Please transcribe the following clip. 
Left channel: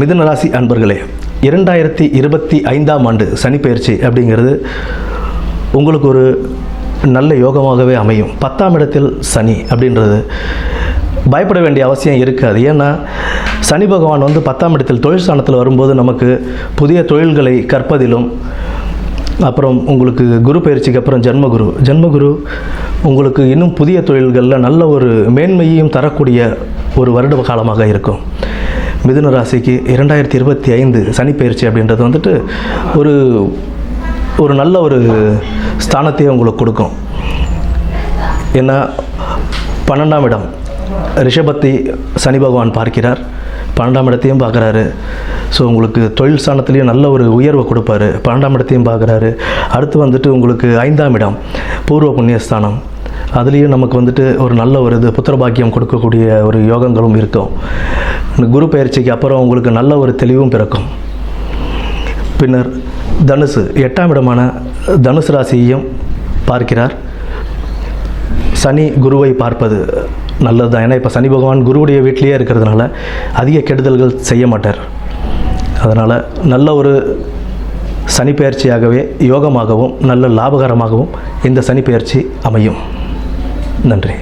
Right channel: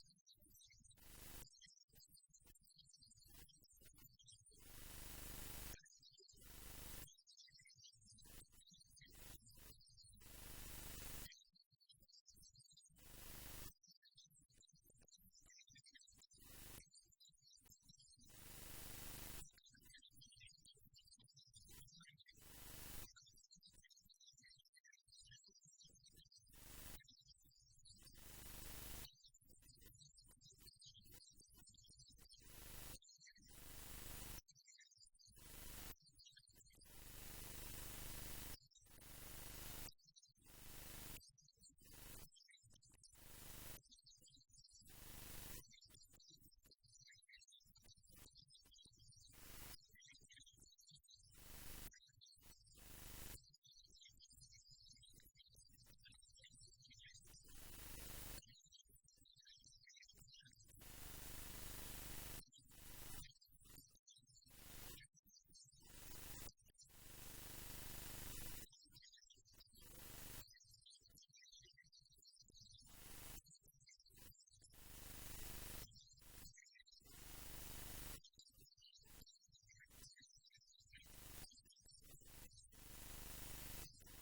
மிதுன ராசி அன்பர்களே, 2025ஆம் ஆண்டு சனிப்பெயர்ச்சி அப்படிங்கிறது உங்களுக்கு ஒரு நல்ல யோகமாகவே அமையும். 10ஆம் இடத்தில் சனி அப்படின்றது பயப்பட வேண்டிய அவசியம் இருக்காது. ஏன்னா சனி பகவான் 10ஆம் இடத்தில் தொழில் ஸ்தானத்தில் வரும்போது நமக்கு புதிய தொழில்களை கற்பதிலும், அப்புறம் உங்களுக்கு குரு பயிற்சிக்கு அப்புறம் ஜென்மகுரு உங்களுக்கு இன்னும் புதிய தொழில்களில் நல்ல ஒரு மேன்மையையும் தரக்கூடிய ஒரு வருட காலமாக இருக்கும். மிதுன ராசிக்கு 2025 சனி பயிற்சி அப்படின்றது ஒரு நல்ல ஒரு ஸ்தானத்தையே உங்களுக்கு கொடுக்கும். ஏன்னா 12ஆம் இடம் ரிஷபத்தை சனி பகவான் பார்க்கிறார், 12ஆம் இடத்தையும் பார்க்குறாரு. ஸோ உங்களுக்கு தொழில் ஸ்தானத்துலேயும் நல்ல ஒரு உயர்வை கொடுப்பாரு. 12ஆம் இடத்தையும் பார்க்குறாரு. அடுத்து உங்களுக்கு 5ஆம் இடம் பூர்வ புண்ணியஸ்தானம், அதுலேயும் நமக்கு ஒரு நல்ல ஒரு புத்திரபாக்கியம் கொடுக்கக்கூடிய ஒரு யோகங்களும் இருக்கும். குரு பயிற்சிக்கு அப்புறம் உங்களுக்கு நல்ல ஒரு தெளிவும் பிறக்கும். பின்னர் தனுசு 8ஆம் இடமான தனுசு ராசியையும் பார்க்கிறார். சனி குருவை பார்ப்பது நல்லது தான். ஏன்னா இப்போ சனி பகவான் குருவுடைய வீட்டிலேயே இருக்கிறதுனால அதிக கெடுதல்கள் செய்ய மாட்டார். அதனால் நல்ல ஒரு சனி பெயர்ச்சியாகவே யோகமாகவும் நல்ல லாபகரமாகவும் இந்த சனி பெயர்ச்சி அமையும். நன்றி.